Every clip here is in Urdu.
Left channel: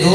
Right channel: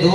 2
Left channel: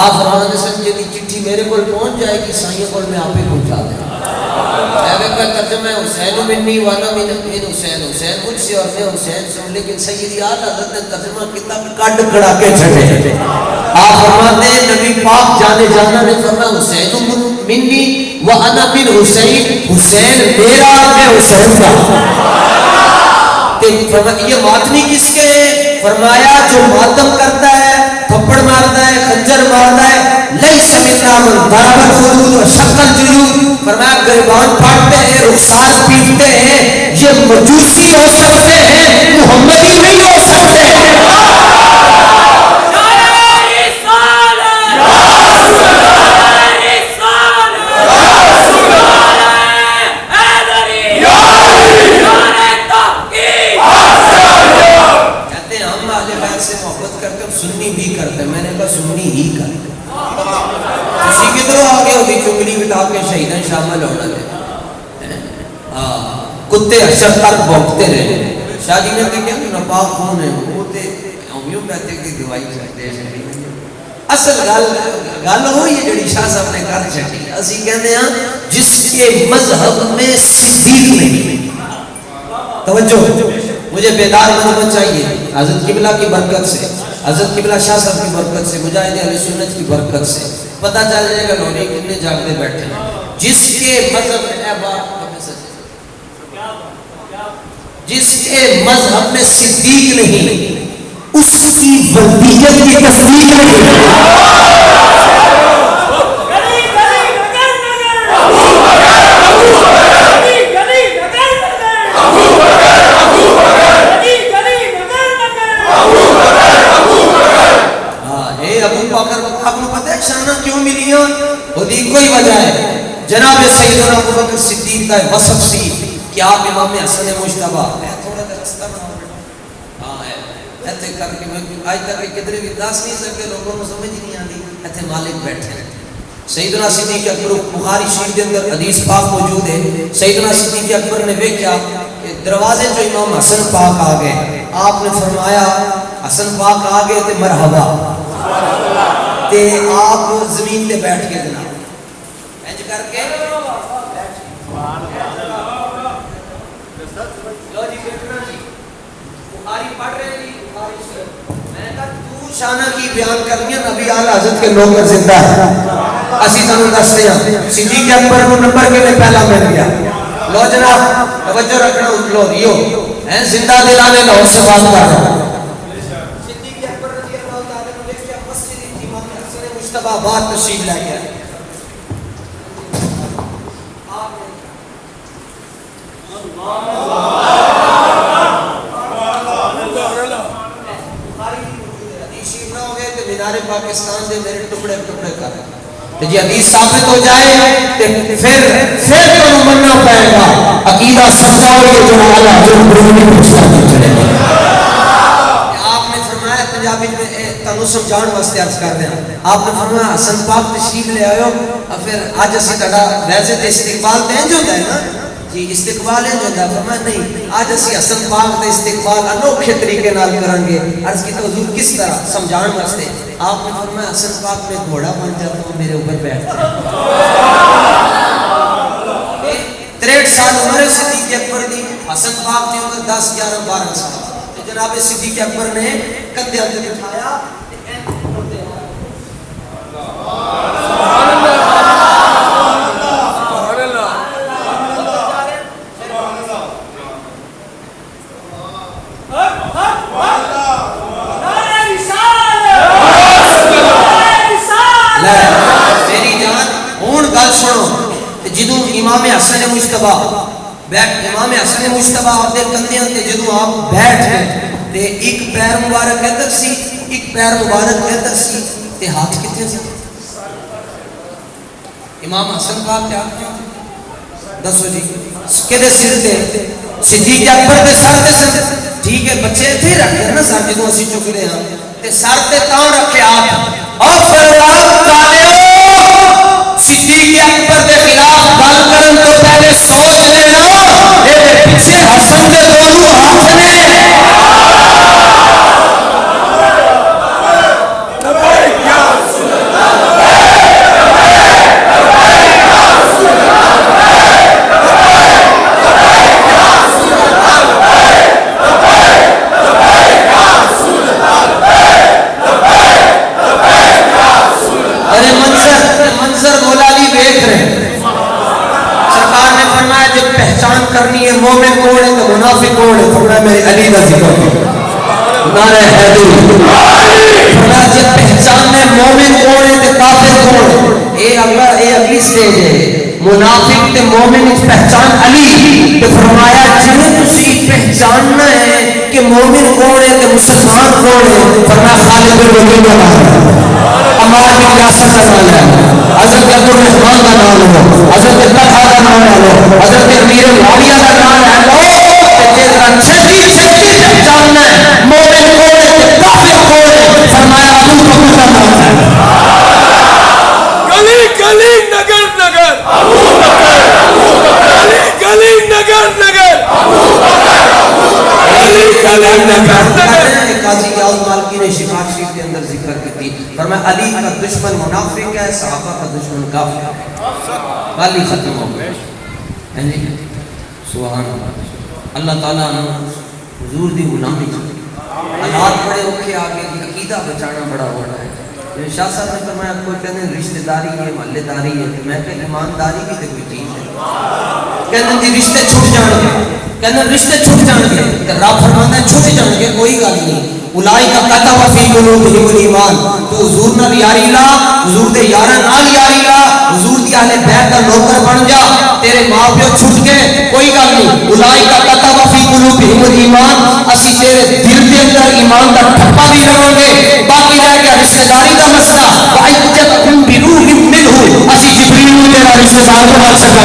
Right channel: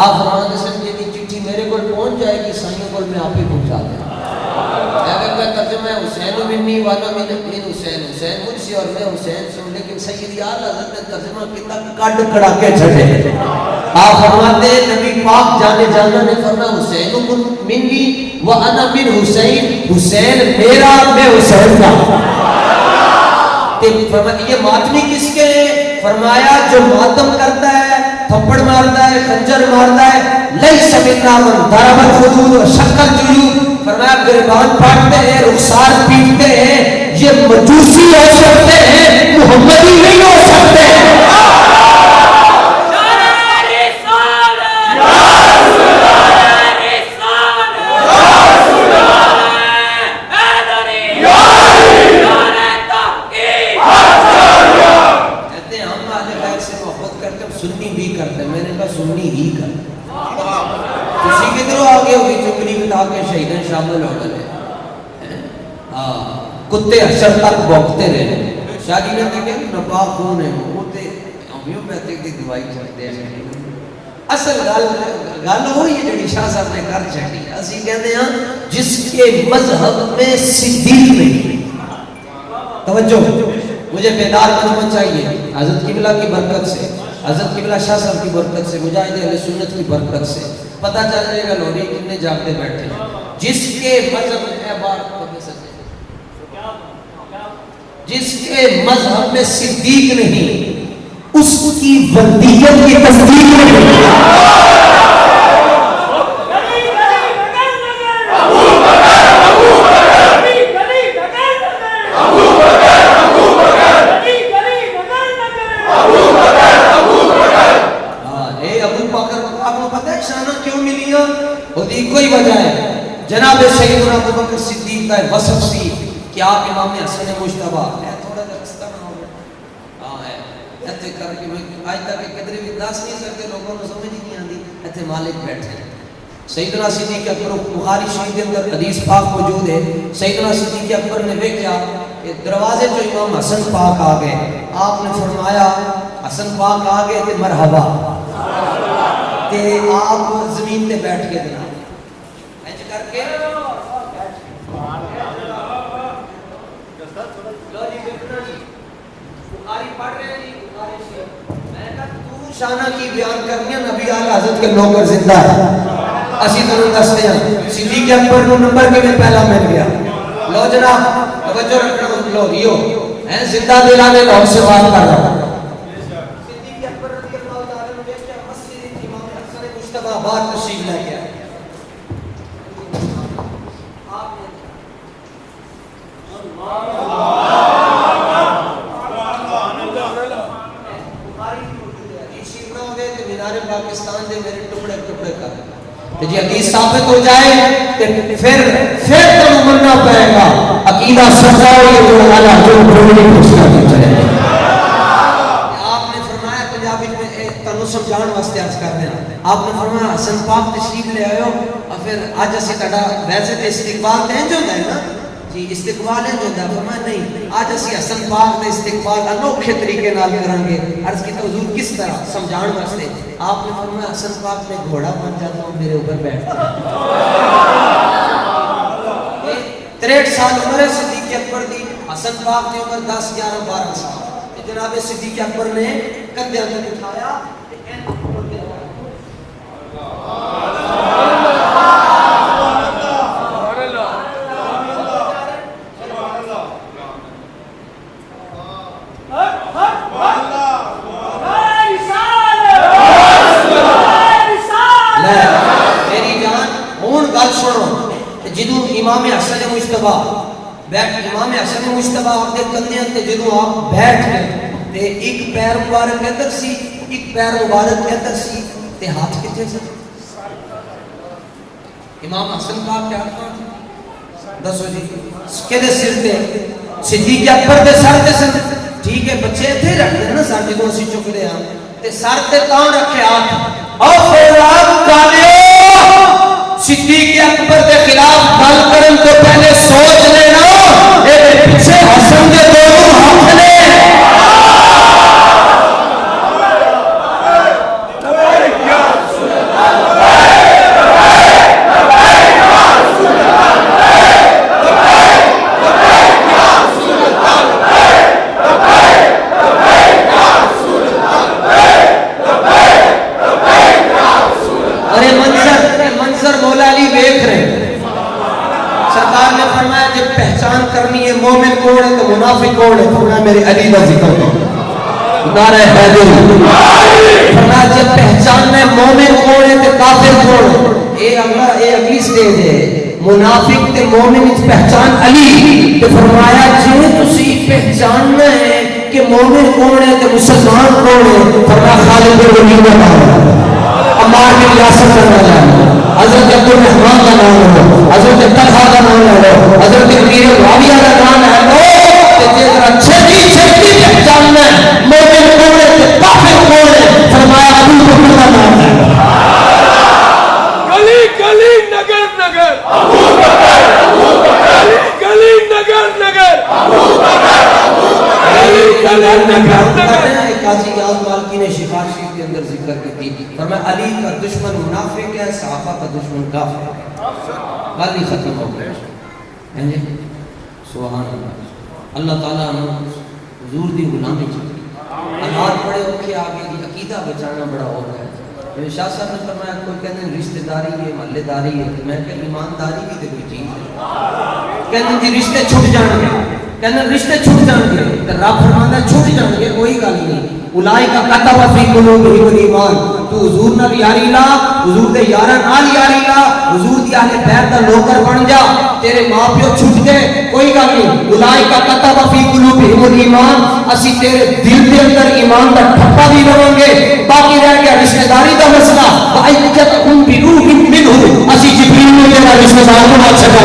آپ فرماتے ہیں جی چٹھی میرے کو پہنچ جائے گی سائیں کو میں آپ ہی پہنچا دیں کا ترجمہ ہے حسین منی والا من حسین، حسین مجھ سے اور میں حسین سے ہوں، لیکن سیدی اعلی حضرت نے ترجمہ کتنا کٹ کڑا کے چھڑے. آپ فرماتے ہیں نبی پاک جانے جانا نے فرمایا حسین منی وانا من حسین، حسین میرا میں حسین کا. یہ ماتمی کس کے ہیں؟ فرمایا جو ماتم کرتا ہے، تھپڑ مارتا ہے، خنجر مارتا ہے، لیس منا من ضرب الخدود وشق الجیوب، فرمایا گریبان پاٹتے ہیں، رخسار پیٹتے ہیں، یہ مجوسی ہو سکتے ہیں، محمدی نہیں ہو سکتے. سنی بھی کرتے، میں نے کہا سنی ہی کرتے. کسی کی طرح آگے ہوگی چنگلی کٹا کے شہیدیں شامل ہونا ہے. کتے حشر تک بھونکتے رہے. شاہ جی نے کہا کہ ناپاک کون ہے؟ وہ تے ہومیوپیتھی کی دوائی کرتے ہیں. اصل گل ہوئی ہے جڑی شاہ صاحب نے کر چھٹی. اسی کہتے ہیں جس کے مذہب میں صدیق نہیں. توجہ، مجھے بیدار مذہب چاہیے حضرت قبلہ کی برکت سے، حضرت قبلہ شاہ صاحب کی برکت سے، مجاہد اہل سنت کی برکت سے پتہ چل جائے گا لوری کتنے جاگتے بیٹھے. جس کے مذہب میں جس کے مذہب میں صدیق نہیں، اس کی ولیت کی تصدیق نہیں. کوئی وجہ ہے جناب سیدنا ابو بکر صدیق کا وصف سی کہ آپ امام حسن مجتبی ہے. تھوڑا سا رستہ بناؤ بیٹا. ہاں ہے ایتھے کر کے میں آج تک کدھر بھی دس نہیں سکے، لوگوں کو سمجھ نہیں آتی. ایتھے مالک بیٹھے سیدنا صدیق اکبر، بخاری شریف کے اندر حدیث پاک موجود ہے. سیدنا صدیق اکبر نے دیکھا کہ دروازے جو امام حسن پاک آ گئے، آپ نے فرمایا حسن پاک آ گئے تے مرحبا، تے آپ زمین تے بیٹھ کے جناب اینج کر کے لو جی بیٹھو جی. بخاری پڑھ رہے ہیں جی، بخاری سے میں کہا تو شانہ کی بیان کرنی ہے. نبی اعلی حضرت کے نوکر زندہ ہے، اسی تانوں دستے ہیں. صدیق اکبر کو نمبر کے لیے پہلا مل گیا. لو جناب توجہ رکھنا، لو ریو ہیں زندہ دلانے لاہور سے بات کر رہا ہوں. صدیق اکبر رضی اللہ تعالی عنہ کے مسجد امام حسن مجتبی بات تشریف لے کے آئے. پاکستان دے میرے ٹکڑے ٹکڑے کر جی حدیث ثابت ہو جائے پھر تو مننا پڑے گا. عقیدہ سمجھاؤ یہ جو والا جو بولنے پوچھتا چلے گا. آپ نے فرمایا پنجابی میں تانوں سمجھاؤਣ واسطے عرض کر دیں، آپ نے فرمایا حسن پاک تشریف لے آئے ہو، پھر اج اسی تہاڈا ویسے تے استقبال تے انج ہوندا ہے نا جی، استقبال ہے جندا. فرمایا نہیں، آج اسی حسن پاک دا استقبال انوکھے طریقے نال کریں گے. عرض کی حضور کس طرح سمجھاؤਣ واسطے. آپ نے فرمایا حسن پاک میں گھوڑا بن جاتا ہوں، میرے اوپر بیٹھتا ہوں. 63 سال عمر ہے صدیق اکبر دی، حسن پاک کی عمر 10 11 12 سال. جناب صدیق اکبر نے کندھے تے بٹھایا تے این کرتے ہیں. امام حسن مجتبی امام حسن مجتبی اپنے کندھیاں تے جدوں آپ بیٹھ گئے تے ایک پیر مبارک ادھر سی، ایک پیر مبارک ادھر سی تے ہاتھ کتے سے امام حسن پاک کیا دسو جی کدے سر تے صدیق اکبر دے سر تے سر. ٹھیک ہے بچے ایتھے رکھ دے نا سر جدوں اسی چک لے ہاں تے سر تے تاں رکھے ہاتھ اور فرمان کالے صدیق اکبر کے خلاف گل کرن تو پہلے سوچ لینا اے پیچھے حسن دے دونوں ہاتھ نے. لبیک یا رسول اللہ، منافق کون ہے؟ فرمایا میرے علی کا ذکر کرو، نعرہ حیدری۔ فرمایا جب پہچان میں مومن کون ہے تے کافر کون ہے، اے اگلی سٹیج ہے۔ منافق تے مومن اس پہچان علی تے فرمایا جے تسی پہچاننا ہے کہ مومن کون ہے تے مسلمان کون ہے، فرمایا خالد بن ولید کا نام ہے، عمار بن یاسر کا نام ہے، حضرت عبد الرحمن کا نام ہے، حضرت طلحہ کا نام ہے، حضرت امیر معاویہ کا نام ہے۔ چھٹی چھٹی پہچاننا ہے مومن کون ہے تے کافر کون ہے، فرمایا ابو بکر کا نام ہے۔ گلی گلی نگر نگر گلی گلی نگر نگر گلی گلی نگر نگر۔ قاضی یاز مالکی نے شفاء شریف کے اندر ذکر کی تھی، فرمایا علی کا دشمن منافق ہے، صحابہ کا دشمن کافر ہے۔ علی ختم ہو گیا، یعنی سبحان اللہ۔ اللہ تعالیٰ نے حضور دی غلامی حالات بڑے اوکھے آگے عقیدہ بچانا بڑا ہو رہا ہے۔ شاہ صاحب نے فرمایا کوئی کہتے ہیں رشتہ داری ہے، محلے داری ہے، تو میں کہ ایمانداری بھی تو کوئی چیز ہے۔ کہتے ہیں جی رشتے چھوٹ جان گے، کہتے ہیں رشتے چھوٹ جان گے، کہ رب فرماتا ہے چھوٹ جان گے، کوئی گل نہیں۔ اولئک کتب فی قلوبہم الایمان، تو حضور نال یاری لا، حضور دے یاراں نال یاری لا، حضور دی اہل بیت دا نوکر بن جا، تیرے ماں پیو چھٹ گئے کوئی گل نہیں۔ اولئک کتب فی قلوبہم الایمان، اسی تیرے دل دے اندر ایمان دا ٹھپا بھی رہوں گے، باقی رہ گیا رشتہ داری دا مسئلہ، وَأَيَّدْكُمْ بِرُوحٍ مِّنْهُ، اسی جبریل کو تیرا رشتہ دار بنا سکا۔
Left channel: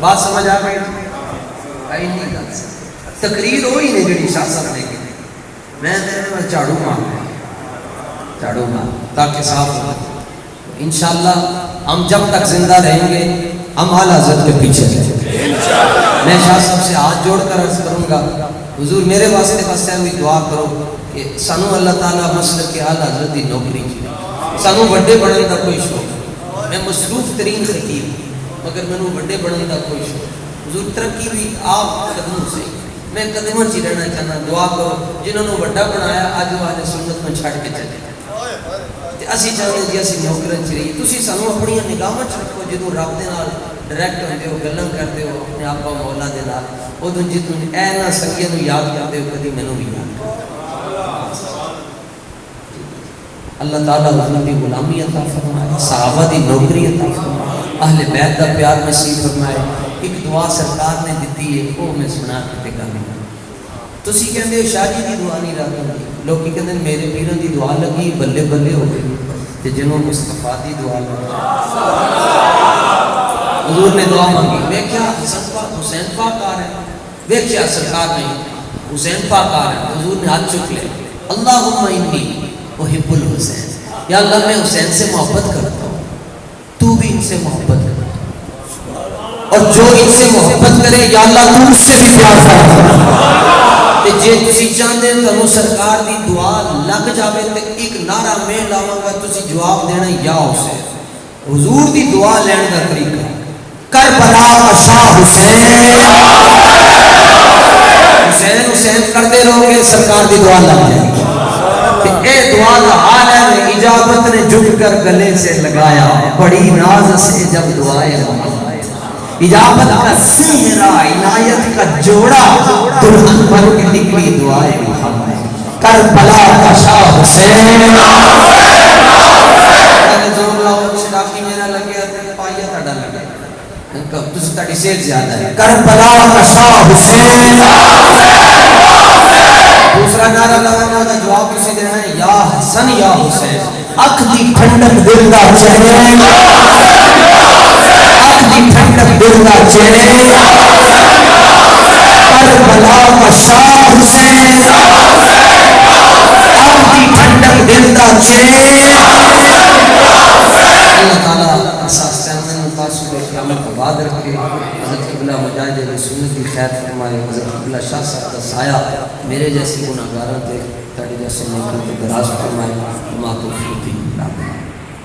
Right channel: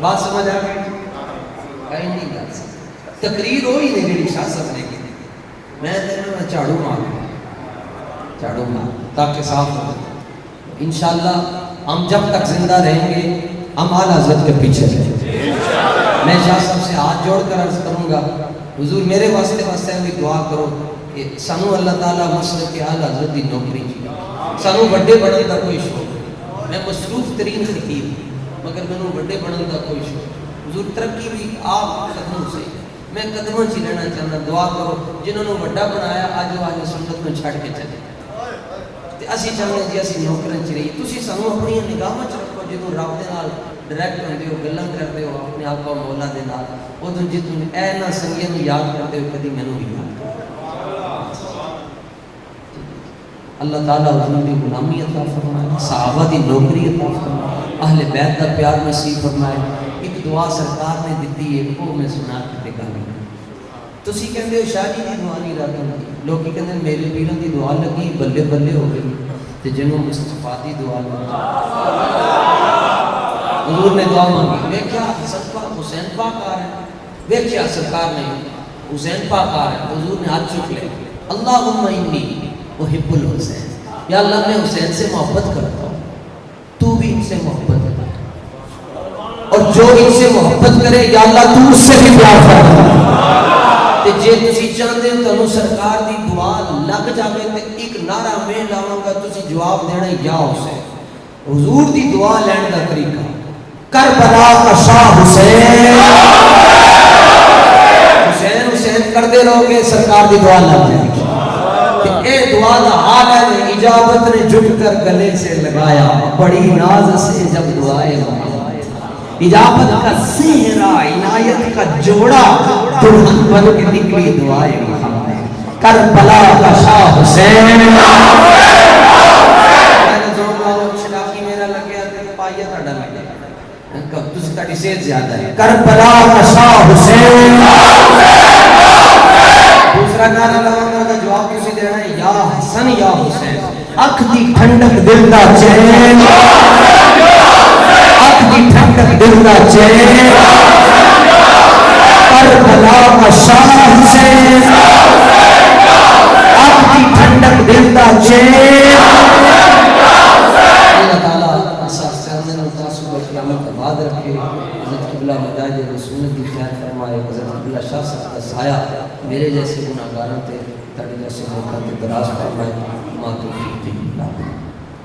بات سمجھ آ گئی؟ کہیں نہیں دل سکتا تقریر ہوئی نہیں جڑی شاہ صاحب نے کی، میں تیرے میں جھاڑو مار تاکہ صاف ہو۔ انشاءاللہ ہم جب تک زندہ رہیں گے ہم اعلی حضرت کے پیچھے رہیں۔ میں شاہ صاحب سے ہاتھ جوڑ کر عرض کروں گا حضور میرے واسطے بس ہوئی دعا کرو کہ سانو اللہ تعالیٰ مسلک کے اعلی حضرت کی نوکری کی، سانو بڑے بڑے کا کوئی شوق، میں مصروف ترین خطیب مگر میں بڑے بڑھنے کا کوئی شوق، حضور ترقی بھی آپ قدموں سے، میں قدموں سے رہنا چاہنا۔ دعا کرو جنہوں نے بڑا بنایا اج وہ اہل سنت کو چھڑ کے چلے، اسی چاہتے جی اسی نوکروں چ رہی، تسی سانو اپنی نگاہاں چ رکھو، جدوں رب دے نال ڈائریکٹ ہوندے ہو، گلاں کردے ہو اپنے آپ کو مولا دے نال، اودوں جدوں اے نا سنگیاں نوں یاد کردے ہو کدی مینوں بھی یاد کرو۔ اللہ تعالیٰ حضور کی غلامی عطا فرمائے، صحابہ دی نوکری عطا فرمائے، اہل بیت دا پیار نصیب فرمائے۔ ایک دعا سرکار نے دیتی ہے وہ میں سنا کے گل، تسی کہندے ہو شادی دی دعا نہیں رات ہوندی، لوگ کہندے میرے پیروں دی دعا لگی بلے بلے ہو گئی تے جنوں مصطفیٰ دی دعا لگی۔ حضور نے دعا مانگی، ویکھیا حسن پاک حسین پاک آ رہے، ویکھیا سرکار نے حسین پاک آ رہے، حضور نے ہاتھ چک لیا، اللہم انی احب الحسین، یا اللہ میں حسین سے محبت کرتا ہوں، تو بھی ان سے محبت کر، اور جو ان سے محبت کرے یا اللہ تو اس سے بھی پیار کرتا۔ تے جے تسی چاہندے تانوں سرکار دی دعا لگ جاوے تے ایک نعرہ میں لاواں گا، تسی جواب دینا یا حسین۔ حضور دی دعا لین دا طریقہ، کربلا کا شاہ حسین، حسین حسین کرتے رہو گے سرکار دی دعا لگ جائے گی۔ اے دعا دا حال ہے اجابت نے جھک کر گلے سے لگایا، بڑی ناز سے جب دعائیں اجابت کا سہرا عنایت کا جوڑا، دلہن بن کے نکلی دعائیں محمد، کربلا کا شاہ حسین۔ کربلا کا شاہ حسین۔ دوسرا نعرہ لگانا کا جواب کسی دینا ہے، یا حسن یا حسین، اکھ دی ٹھنڈک دل دا چین، اکھ دی ٹھنڈک دل دا چین، کربلا کا شاہ حسین، اکھ دی ٹھنڈک دل دا چین۔ اللہ تعالیٰ اساس سامنے متاثر و قیامت آباد رکھے، حضرت قبلہ مجاہد رسول کی خیر فرمائے، حضرت قبلہ شاہ صاحب کا سایہ میرے جیسے گناہگاروں تے تڑ جیسے موقع کے دراز فرمائے، ماں توفیق